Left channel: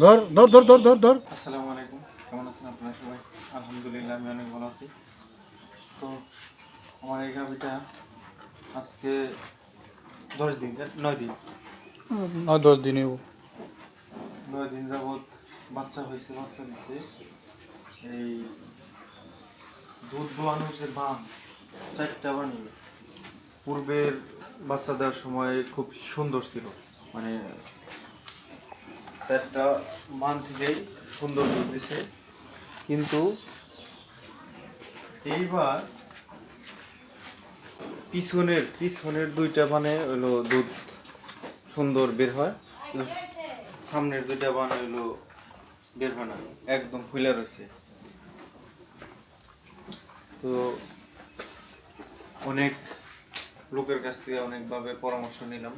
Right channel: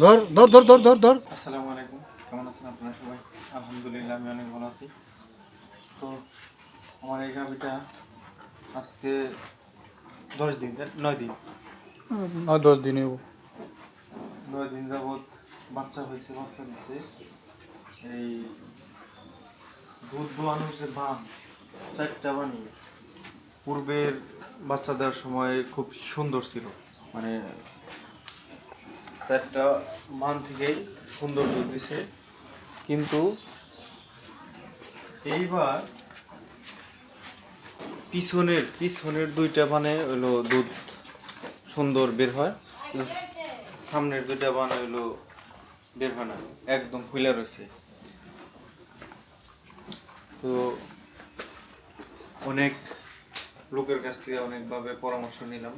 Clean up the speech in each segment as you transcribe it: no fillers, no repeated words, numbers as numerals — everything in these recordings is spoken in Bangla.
ধর ধর ধর ধর ধর ধর। আসসালামু আলাইকুম, কেমন আছেন আপনারা সবাই? আলহামদুলিল্লাহ আমি অনেক ভালো আছি। তো আমার এই গাভিটা আজকে 10 দিন 9 দিন 9-10 দিন 9 দিন যাবৎ বাচ্চা হয়েছে, বাচ্চা দিচ্ছে। এই দুধ দোয়ানোর যে বান 4টা বানি পূর্বের বাচ্চা দেওয়ার সময় খুব সুন্দর ছিল, মানে 4টা মান থেকেই সুন্দর দুধ দিছে। কিন্তু এইবার পিছনের 2টা বানে হইলো দুধ সুন্দর বের হয়, সামনের 2টা বানে হইলো বের হয় না, একদম ফুলে রয়েছে। তো অনেক লোকের কাছ থেকে অনেকভাবে পরামর্শ নিলাম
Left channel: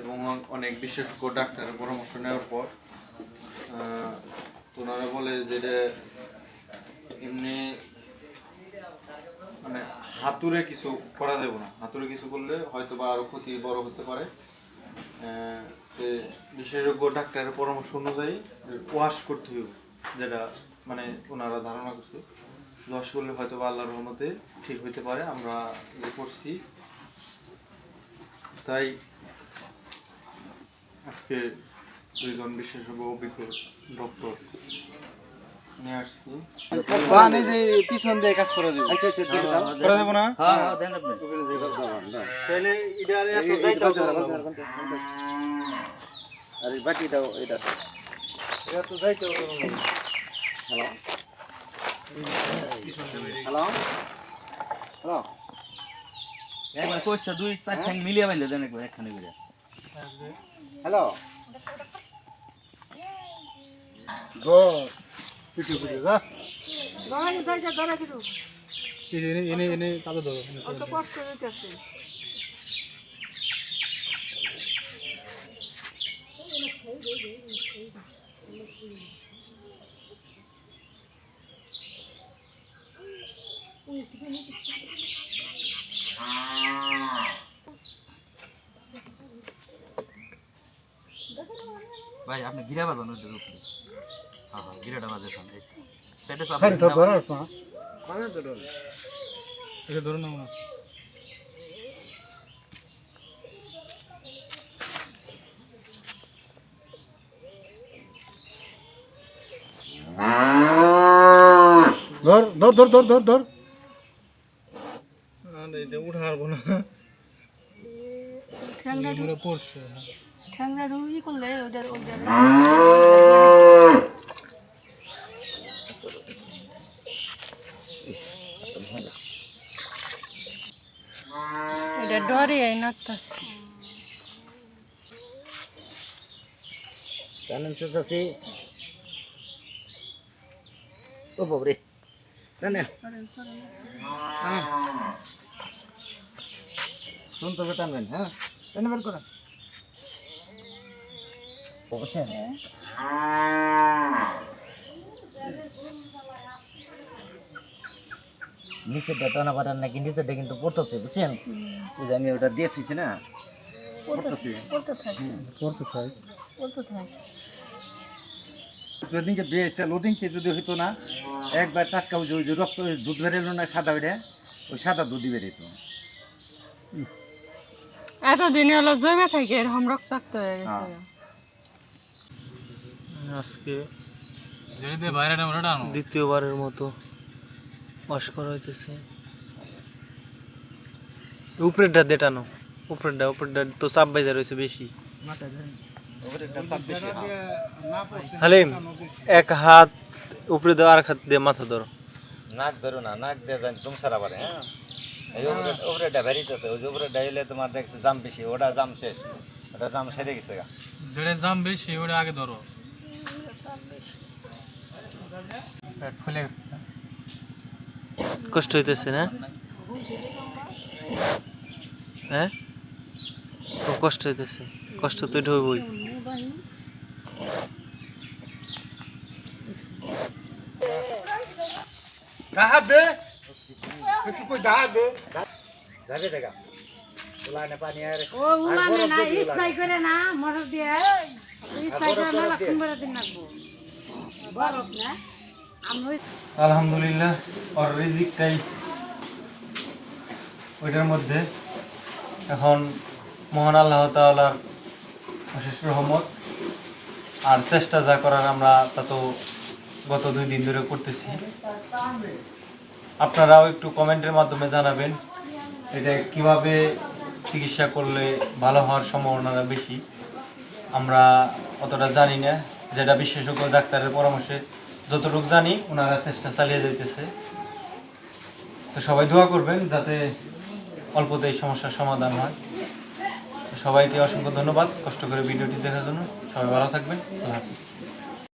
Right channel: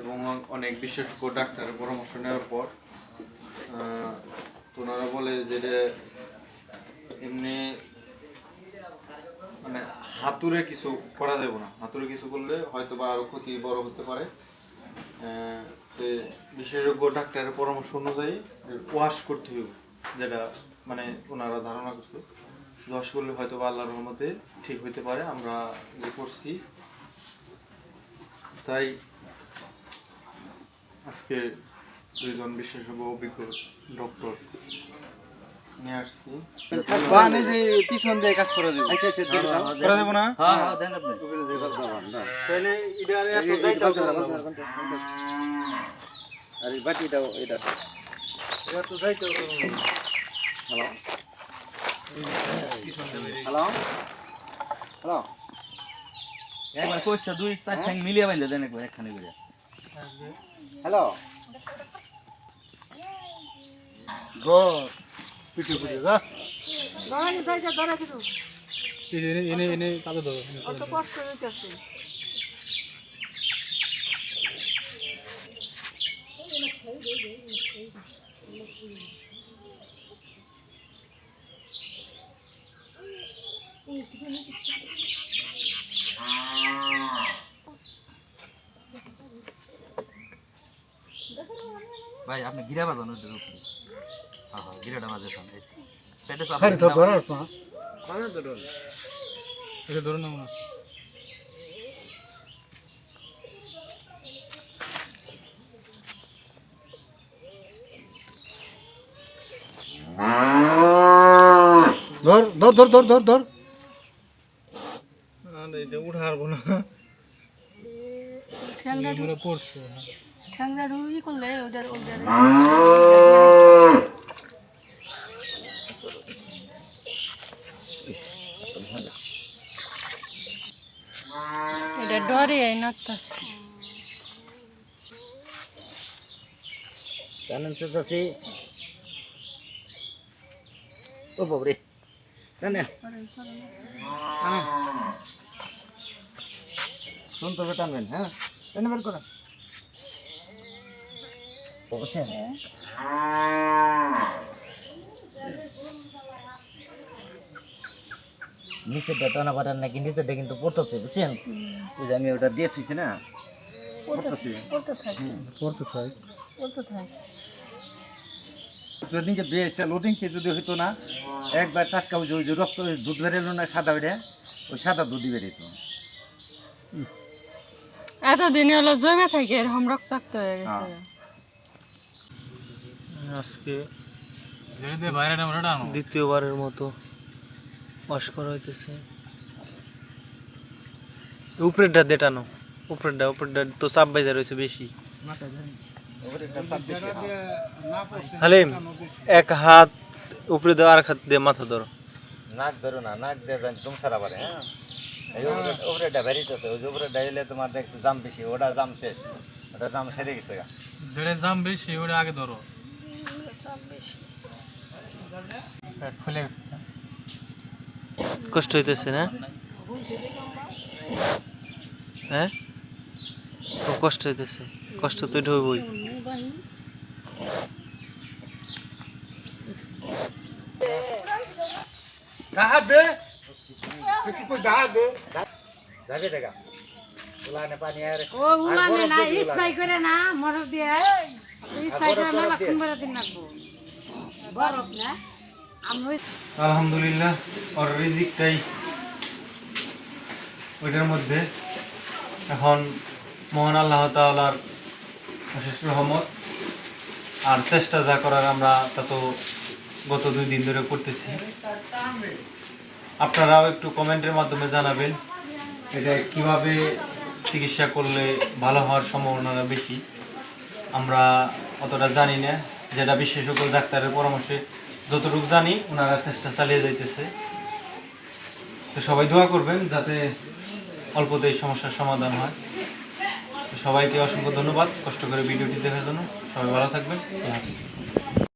এবং অনেক বিশেষজ্ঞ ডাক্তারের পরামর্শ নেওয়ার পর ওনারা বলে যে এমনি মানে হাতুড়ে কিছু করা যাবে না, হাতুড়ে কিছু করলে হয়তো বা আরো ক্ষতি বড় হতে পারে। বিশেষজ্ঞ ডাক্তারের পরামর্শ অনুযায়ী ওয়াশ করতে হবে, যেটা মানে ওনারা ধারণা করছে ওয়াশ করলে হয়তো বা আল্লাহর রহমতে ঠিক হইতে পারে। আমরা যে করছি তাই আজকে 2জন বিশেষজ্ঞ অভিজ্ঞ ডক্টর নিয়ে আসছি। বানে যে পিছন দিয়ে কাজ করে দেব, করে দেবো না? হ্যাঁ হ্যাঁ দেন আপনি। তাহলে এটা এত যাইতাও দেবো না। আর এই বাটিটাও এটা এটা তো যাইতাও দেবো না। হ্যালো হ্যালো হ্যালো একবার কইছো 2-4 ঠ্যাং মিলিয়ে বাইন্ধে দেন একবার একখানে করে। হ্যালো গো পিটু পিটু যা গাড়ি যাইতে ধরে দিলু এনে কালো ধরো অত কষ্ট হইতাছে ভাই আপনি গিরা বাজানো ওটার উপরে। হ্যাঁ হ্যাঁ গিরাটা বাজে সামনে। পেটে চাপ খালি তো ধরো না মানে তো ধরো। এটা ধরো না মনে ধর ধর ধর ধর ধর ধর আরে এটা উঠারবো না। ঠ্যাংটা এগুলো পড়ছে ঠ্যাংটা রুই করলে ওদের ওদের এটা ডরে নাকতাছে জানেন তো চাচি। ও বাবরে জানেন শুন তো টানবেন। হ্যাঁ টেনে বের করেন। বুঝছেন নিচেরটা টানা পাঠান নাকি নিচেরটা কিন্তু পড়তেছে বুঝছেন। ওই যে আমি ওটা দিয়ে থুইছি না পড়তেছে। পড়তে থাকে পড়তে চাই পড়তে থাকে যেদিনকে দিয়েছে ওদিনকে যদি হইতো না একবার টাটকা ওই যে রক্ত দুধ বেরোলো না সাদা বেড়ে ওই সাদা দুধই বেরিয়েতো। এতদিনে হলো জমে থাকে এরকম রক্তাক্ত হয়ে গেছে আজকে দ্বিতীয়বারের মতো ওয়াশ করা হইতেছে। উপরেরটা দেটানো, উপরেরটা তো চাপ বাইজা রয়েছে বেশি। হালিম এক হাত উপরে দাও, আর এক হাত দিয়ে মাথা ধরো। নাক ধরো না, নাক দিয়ে যান তুমি সারা পারে। হ্যাঁ উপরেটা বেরিয়েছে, ওই যে উপরেটা এলে তোমার দেখছি জাম বেশি, ওটা জাম শেষ, ওটা জাম সেরে গেছে। যেটা দাম বেশি ওটা আগে ধরো। পেট ফুলে গেছে কষ্ট হইতেছে না? হ্যাঁ খুব কষ্ট হইতেছে, কষ্ট তো ঢুকবই। যাবে দেখা ওলানে পানি আর ও উলানে না ই খাই করে না মরদ দিয়ে আলহামদুলিল্লাহ ওর রিজিকটাই ওইটার মধ্যে। এখন মহান আল্লাহ তাআলার অশেষ রহমত আর চেষ্টা যা করার আমরা তা তো গত 2 দিন ধরে করতেছি। আপনারাও একটু কমেন্টের মাধ্যমে জানাবেন এটা কিভাবে চিকিৎসা করলে ভালো হওয়ার সম্ভাবনা বেশি। আমরা অতটা জানি না, যেটা বিশেষজ্ঞ ডাক্তারের পরামর্শে যতটুকু জানি ওনারা চেষ্টা চালিয়ে যাইতেছে। তো সবাই দোয়া করবেন যাতে অল্পতেই সমস্যার সমাধান হয়। সবাইকে অসংখ্য ধন্যবাদ কষ্ট করে ভিডিওটি দেখার জন্য। সবাই ভালো থাকবেন। আল্লাহ হাফেজ।